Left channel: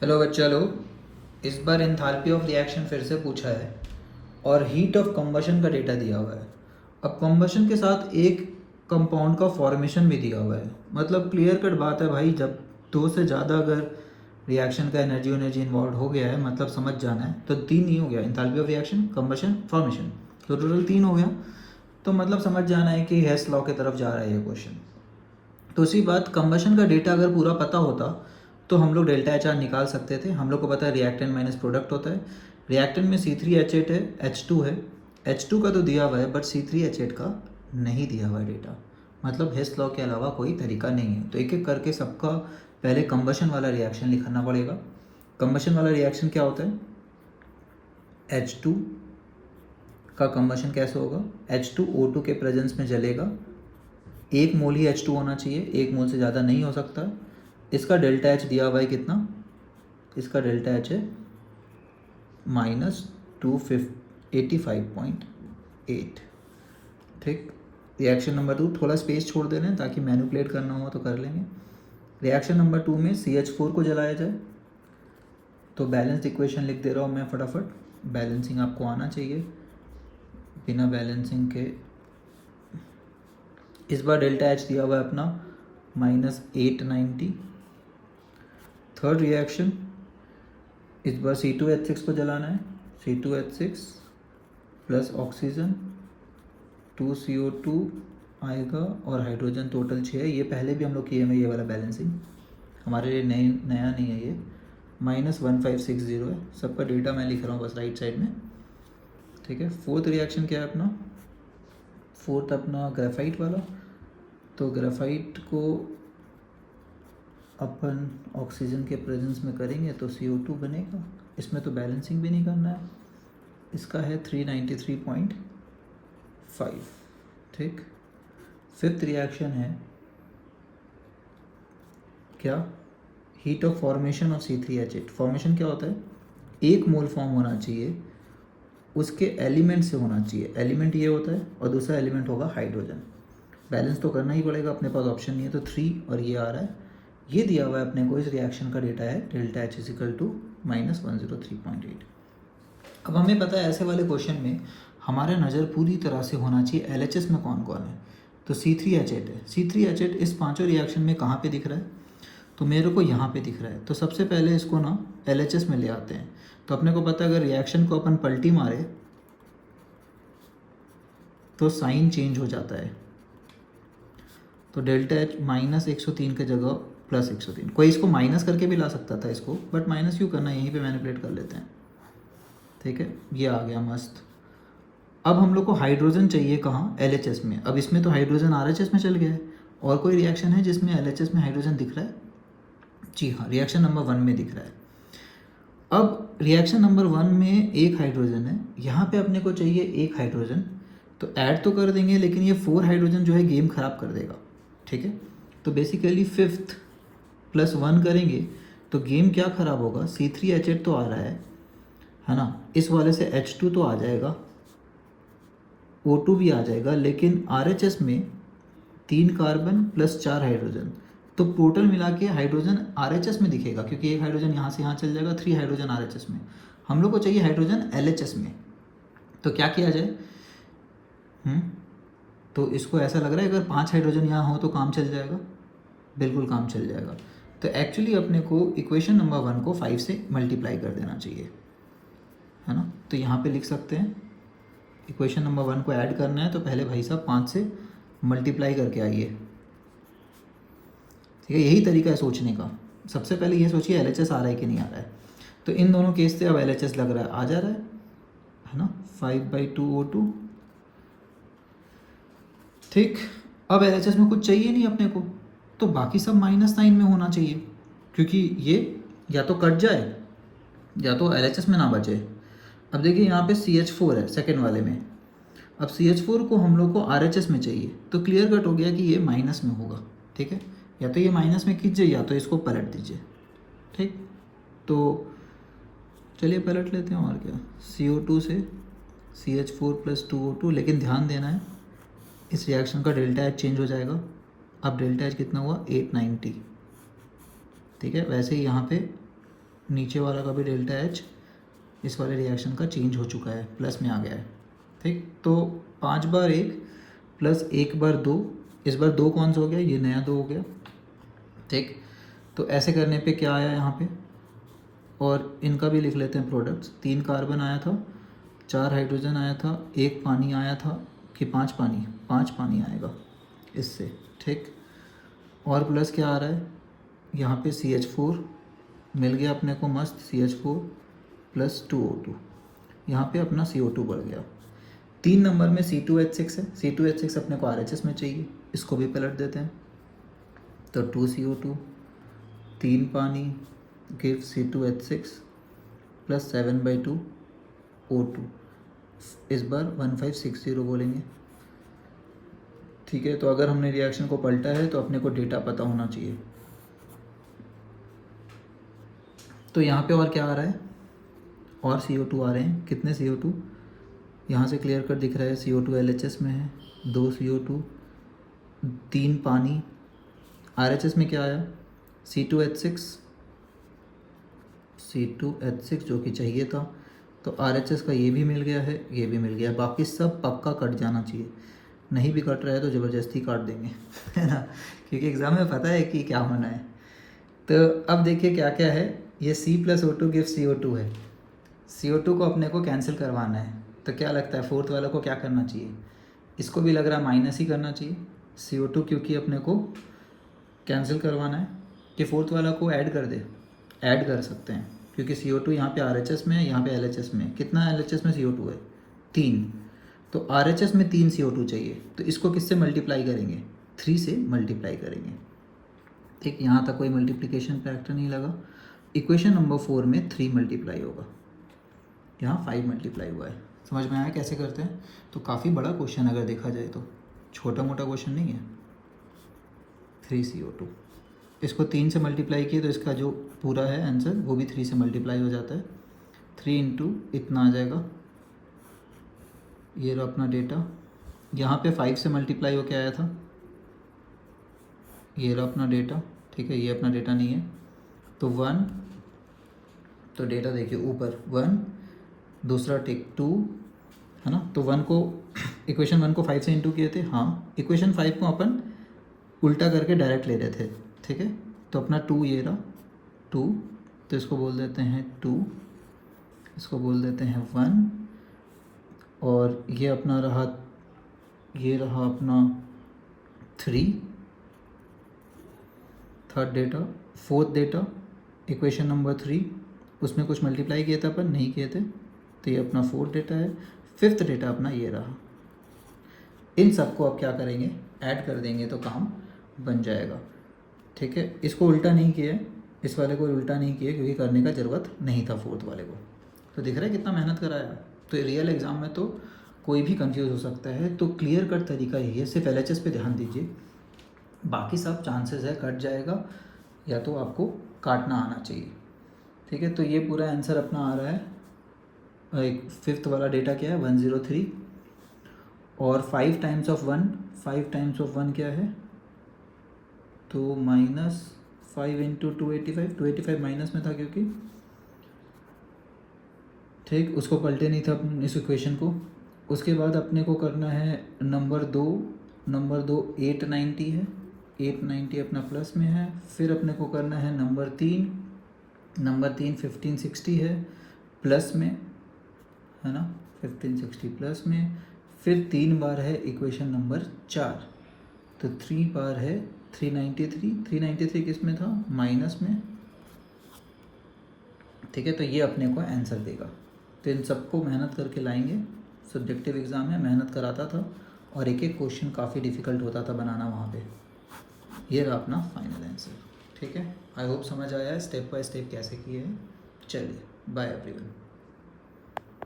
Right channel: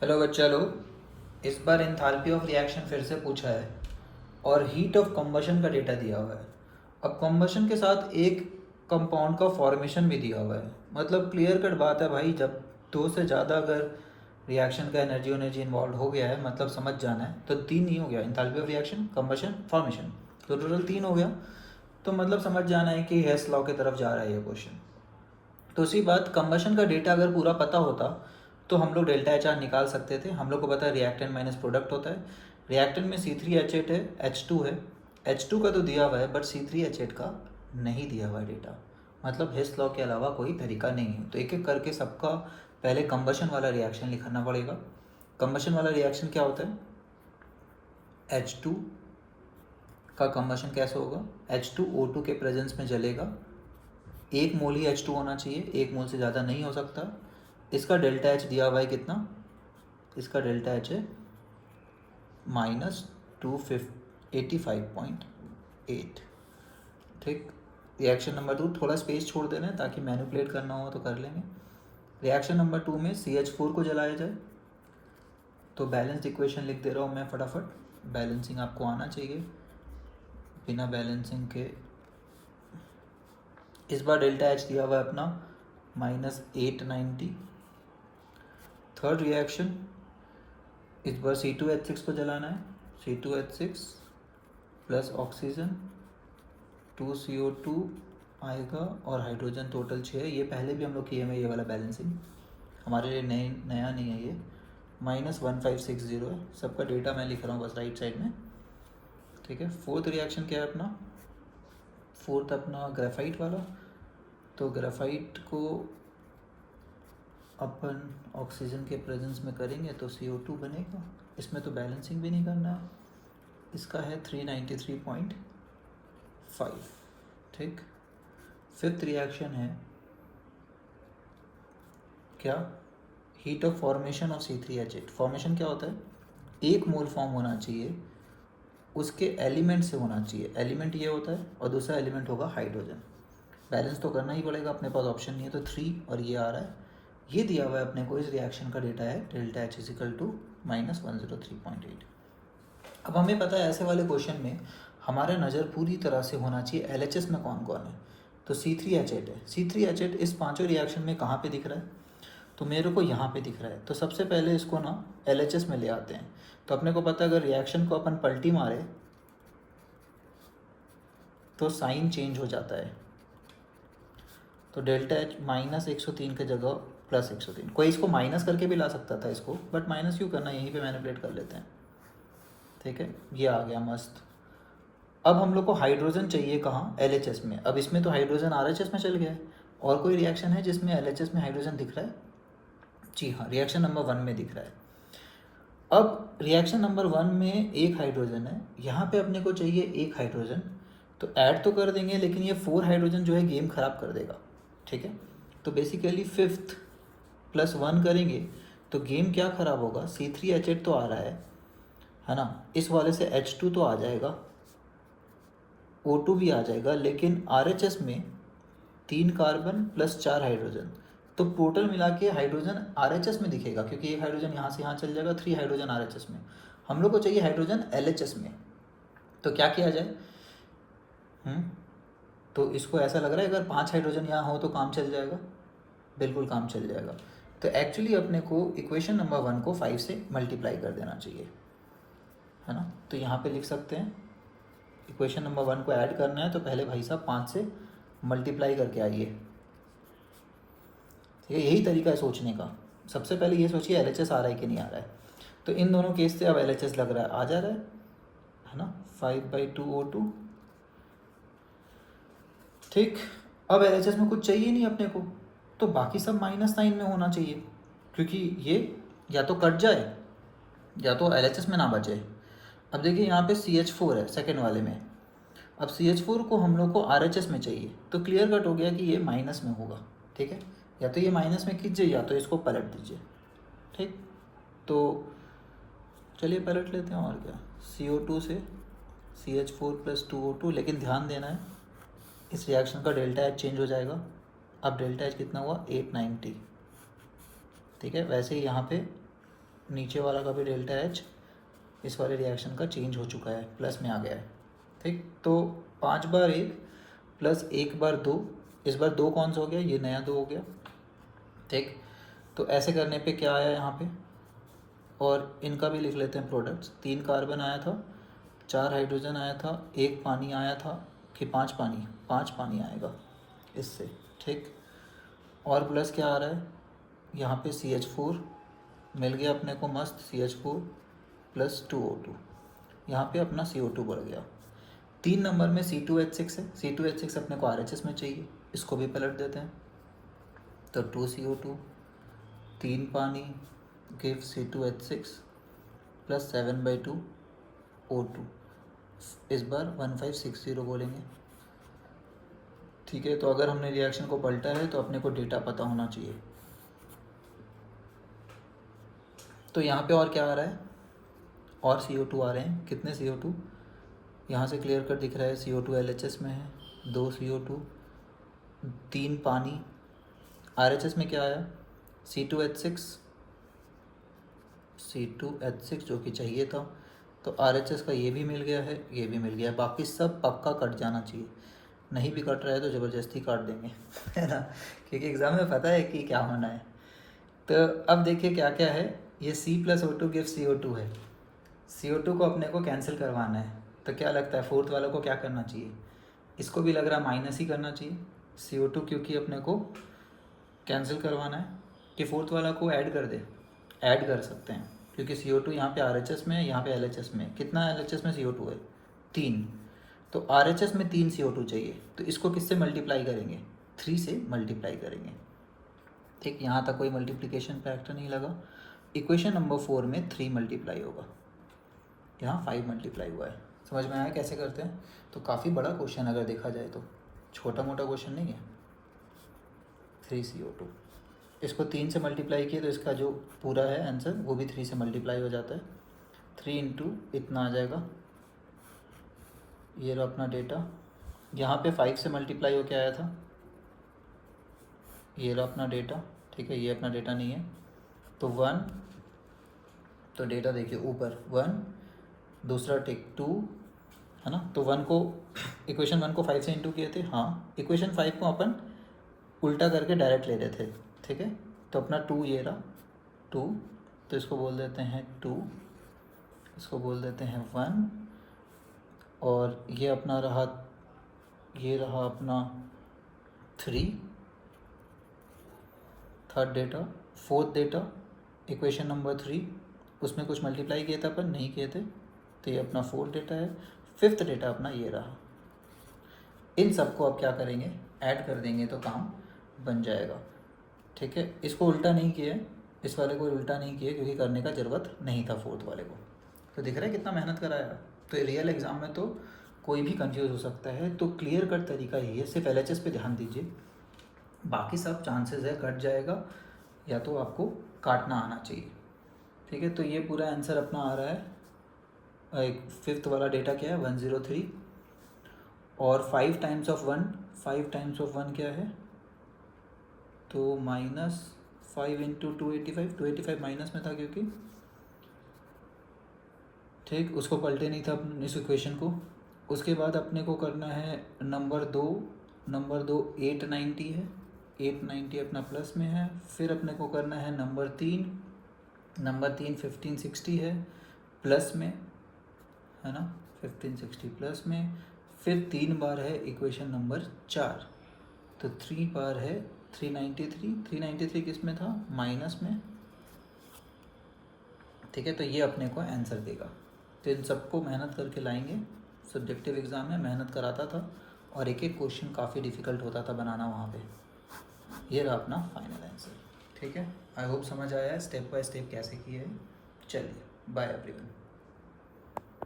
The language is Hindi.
हेलो बच्चा लोग, इस बार एंथैल्पी ऑफ रिएक्शन फिर से पूछा है और हीट ऑफ कंबशन का डेटा दिया हुआ है। अब कंबशन के साथ एक कंपाउंड का फॉर्मेशन भी दिया हुआ है। मतलब क्लियर कट बात है भाई, जब दो से ज़्यादा अगर रिएक्शन का एनर्जी इन्वॉल्व हो गया है, मतलब समझ जाना है, तो तीन ही हो गया, enthalpy of reaction, combustion, formation, तो टोटल तीन हो गया। तो मतलब समझ जाना है कि हेस लॉ की तरफ जा रहा है ये क्वेश्चन। तो उसी बात, कंबशन का डेटा अगर पूरा पता होता तो हम लोग डेल्टा एच आर निकाल सकते थे। हम लोग को पता है रिएक्टेंट माइनस प्रोडक्ट होता है। रिएक्टेंट में C3H8 है, H2 है। H2 का तो दिया हुआ है बट C3H8 का नहीं दिया हुआ है डेटा। मतलब हेस लॉ के अलावा कोई तरीका नहीं है। तो एक एक करके सबका पहले कंबशन वाला रिएक्शन लिखना पड़ेगा। कंबशन वाला रिएक्शन क्या होता है? H2 का कंबशन कैसे होगा? H2O2 के प्रेजेंस में जलेगा। एक मोल ही H2 होना चाहिए, एक मोल से ज़्यादा नहीं हो सकता। इसका डेल्टा एच दिया हुआ है कितना? इसका डेल्टा एच है -285.8। ठीक। रिएक्शन नंबर 2, थोड़ा स्पेस छोड़ दे रहे हैं ताकि मैनिपुलेट करना हो तो कर लेंगे। रिएक्शन नंबर 2 में CH4 को जलाया जाए। तो बैलेंस्ड इक्वेशन लिख दे रहा हूँ मैं फटाफट। बैलेंसिंग आपको आना चाहिए, बिना बैलेंसिंग के इस बार डेल्टा एच दिया हुआ है अपना -890। थर्ड रिएक्शन, इस बार C2H6 को जलाना है। C2H6 प्लस ऑक्सीजन 2CO2 आएगा और हाइड्रोजन टोटल 6 है। ये पहले भी हम लोग किए हैं ये वाला बैलेंसिंग, हमारे लिए नया नहीं है ये। -1560 है। सबका डेटा मैं लिख रहा हूँ बस राइट साइड में। ठीक है। फोर्थ रिएक्शन क्या है अपना? फोर्थ अपना ग्रेफाइट वाला। तो ग्रेफाइट को अपन ऑक्सीजन के प्रेजेंस में करेंगे तो CO2 बनेगा। इसमें तो बैलेंसिंग भी नहीं करना है। इसका है 393.5। ठीक। फिफ्थ रिएक्शन है क्या? Heat of formation of C3H8। Formation क्या होता है? एक मोल फॉर्म होना चाहिए, उसके एलिमेंट से होना चाहिए। एलिमेंट ये होता है और दूसरा एलिमेंट होगा हाइड्रोजन। बैलेंस तो करना ही पड़ेगा, अपने पास ऑप्शन नहीं है। तो 3 और ये आ रहा है, ये दिया हुआ है अपने को। इस रिएक्शन का डेटा है डेल्टा एच इजिकल टू -103.8। अब हमें पता है ऐसे वाले क्वेश्चन में हमारा नज़र पूरी तरह से होना चाहिए LHS में कौन कौन है। तो C3H8 है। C3H8 इस पांचों रिएक्शन में कहाँ पे दिख रहा है? तो मेरे को यहाँ पे दिख रहा है। तो सबसे पहले इसको ना LHS में ले आते हैं। तो अपने को पता है अगर रिएक्शन को अपन पलटी मारे तो साइन चेंज हो जाता है। तो डेल्टा एच -103 की जगह +103। कोई इसको माइनस करके भी ला सकता था इसको, बट माइनस क्यों करना है, यहीं पे मैनिपुलेट कर लेते हैं। ठीक है, ये आ गया मस्त। अब हम लोग को हाइड्रोजन चाहिए कहाँ? LHS में। अब इसमें तो हाइड्रोजन RHS में चल गया है। और कोई रिएक्शन है जिसमें LHS में हाइड्रोजन दिख रहा है? जी हाँ, रिएक्शन नंबर 1 में दिख रहा है। अब रिएक्शन नंबर 1 में एक हाइड्रोजन है, यहाँ पे अपने को चाहिए एक हाइड्रोजन। तो ऐड तो कर देंगे लेकिन ये 4 हाइड्रोजन जो है गेम ख़राब कर देगा। ठीक है। तो बेसिकली 5th + 1 करेंगे तो गेम क्या ख़राब होगा? C3H8 तो आ रहा है ना। इस वाले से H2 तो आ जाएगा, O2 भी आ जाएगा, लेकिन RHS में 3 कार्बन + 4 हाइड्रोजन। तो टोटल मिला के हाइड्रोजन RHS में दिखेगा, क्योंकि एक हाइड्रोजन यहाँ से यहाँ चल जाएगा। 3 हाइड्रोजन RHS में। हम लोग को चाहिए हाइड्रोजन LHS में। तो क्या किया जाए? तो इसको ऐसा लग रहा है अगर 5 हाइड्रोजन यहाँ हो तो काम चल जाएगा। बिल्कुल काम चल जाएगा। तो एक्चुअली अपने को इक्वेशन नंबर 1 को 5 से मल्टीप्लाई कर देना चाहिए, है ना। तो यहाँ पे लिख सकते हैं इक्वेशन नंबर 1 को ऐड करना है तो पहले भाई साहब 5 से मल्टीप्लाई करके आइए। ठीक है, यही तरीका है सोचने का। सबसे पहले ये सोचिए LHS आ रहा है कि नहीं आ रहा है। तो इन दोनों केस से अब LHS लग रहा है, आ जा रहा है ना। 5/2O2। ठीक। अब LHS में कुछ चाहिए नहीं अपने को, तो बाकी सब -9 में होना चाहिए, क्योंकि ये या तो कट जाए या तो LHS में ना बचे। अब देखिए यहाँ पे CH4 है सेकेंड वाले में। अब CH4 को हम लोग को RHS में चाहिए, तो क्लियर कट हो गया कि ये माइनस में होगा। ठीक है, या तो ये माइनस में खींचिए या तो इसको पलट दीजिए। ठीक। तो चलिए पलट लेते हैं, और क्या। CO2 से CH4 + 2O2। लेकिन ध्यान देना है इस रिएक्शन का डेल्टा एच चेंज हो जाएगा। अब डेल्टा एच कितना हुआ? 890। ठीक है। वैसे ही यहाँ पे नीचे वाला का भी डेल्टा एच इस वाले रिएक्शन का चेंज हो चुका है, प्लस में आ गया है। ठीक, तो 5 बार 1 प्लस 1 बार 2, इस बार 2 कौन सा हो गया, ये नया 2 हो गया। ठीक, तो ऐसे करने पे क्या आया यहाँ पे, और इनका भी लिख लेते हैं प्रोडक्ट्स। 3 कार्बन आया था, 4 हाइड्रोजन आया था, 1 पानी आया था, कि 5 पानी, 5 पानी आएगा इससे। ठीक, और प्लस क्या आ रहा है यहाँ पे, CH4 मिल गया अपने को मस्त, CH4 प्लस 2O2, यहाँ पे अपना CO2 बढ़ गया। 3 नंबर में C2H6 है, C2H6 अपने को RHS में चाहिए, इसको भी पलट देते हैं। तो 2CO2 3 पानी गिव C2H6 प्लस 7/2 O2, इस बार 1560 बोलेंगे। ठीक है, तो अगर हमने रिएक्शन को पलटा है तो अपने को डेटा पता होना चाहिए। तो यहाँ पे और क्या आ रहा है, और CO2 आ रहे हैं। कितने CO2, यहाँ से क्लियर कर दिख रहा है, CO2 LHS में है, 2 CO2 3 पानी। RHS में क्या आया, C2H6 जो कि चाहिए था, तो RHS का ये भी मिल गया है, ये भी मिल गया। बाकी सब पक्का कट जाना चाहिए, नहीं भी कट रहा है तो ज़बरदस्ती काट देंगे है ना, क्योंकि एग्ज़ाम में पता है कि क्या होना है। तो अब देखिए क्या क्या है, ये C+O2 गिव CO2 है, CO2 को अपने को कैंसिल करवाना है। तो क्या लगता है फोर्थ वाले को क्या करना चाहिए, इसको भी लग रहा है माइनस ही करना चाहिए CO2, क्योंकि अपने को कैंसिल करवाना है। कि फोर्थ वाला को ऐड कर दे, ऐड कर सकते हैं, क्योंकि CO2 यहाँ पे RHS में है, यहाँ पे LHS में। कितना LHS में CO2 है, 3, तो RHS में 3 CO2 चाहिए, तो इसको किससे मल्टीप्लाई करेंगे, 3 से मल्टीप्लाई करेंगे। ठीक, यहाँ तक कोई मल्टीप्लिकेशन फैक्टर नहीं लगा। इक्वेशन नंबर 4 में 3 मल्टीप्लाई होगा, यहाँ 5 मल्टीप्लाई हुआ है। समझ में आया कैसे करते हैं। तो काफ़ी बड़ा क्वेश्चन अगर देखा जाए तो, छोटा मोटा क्वेश्चन नहीं है। 3 CO2, इसको 3 से मल्टीप्लाई किए तो इसका जो पूरा है आंसर वो भी 3 से मल्टीप्लाई हो जाता है। 3 इंटू इतना आ जाएगा, ये रहा अपना डेटा। यहाँ पे 5 से मल्टीप्लाई होके आया था, ये रहा अपना डेटा। ठीक है, ये अपना डेटा नहीं है, तो 1, तो डेटा देखिए ऊपर 1, दूसरा टिक 2 है ना। तो 1 को, इक्वेशन 1 को 5 से इंटू किए थे, हाँ। इक्वेशन 5 को अपन उल्टा करके डायरेक्ट ले रहे थे। ठीक है, तो अपना 2 ये रहा 2, तो इसको बोल देते हैं 2, इसको बोल देते हैं 1, और ये अपना रहा, ये रहा अपना 3, third data. Fourth data equation number 3, उसमें कुछ मल्टीप्लाई किया था अपन, नहीं किए थे, तो ये अपना फोर्थ डेटा है। फिफ्थ डेटा अपना ये रहा। इन सबको अब क्या करेंगे, ऐड कर देंगे तो काम बन जाएगा। ठीक है, इसको उल्टा नहीं किया, इस वाले को उल्टा नहीं किया, क्योंकि करने का ज़रूरत नहीं था फोर्थ वाले को। तो दिख रहा है कितना मेहनत कराया है। तो रियल एग्ज़ाम में तो कोई भी कंफ्यूज हो सकता है, तो क्लियर कट तरीका यही है, सिर्फ LHS पे ध्यान दीजिए, बाकी सब चांसेस है कट जाएगा, या तो आपको काटना आना चाहिए। ठीक है, तो ये पूरा आंसर अपना आ रहा है। फिफ्थ वाला डेटा क्या है, 103, और 5 टाइम्स ऑफ 1, 5 टाइम्स ऑफ 1 क्या है, तो -5 इंटू 285 माइनस में था क्योंकि, ठीक, उसको पलटे नहीं था अपन इस इक्वेशन को। उसके बाद अपने को करना है नंबर 2 890 है, 890 अपना प्लस में है। फिर अपने को करना है नंबर 3 1560 है प्लस में, है ना, 1560 प्लस में। फिर 3 बार है इक्वेशन नंबर 4, तो 3 बार है 393 किस में था, माइनस में। ठीक है, तो ये अपने को आंसर देगा। तो इन सबको मेहनत करके लाएंगे। सब्जेक्टिव एग्ज़ाम में मेहनत कराता था, और एक एक क्वेश्चन काफ़ी डिफ़िकल्ट होता था बनाना वहाँ पे। ये रहा अपना फाइनल आंसर। ठीक है, आई होप समझ आया है स्टेप बाय स्टेप कैसे किए हैं। चलिए, बाय एवरीवन।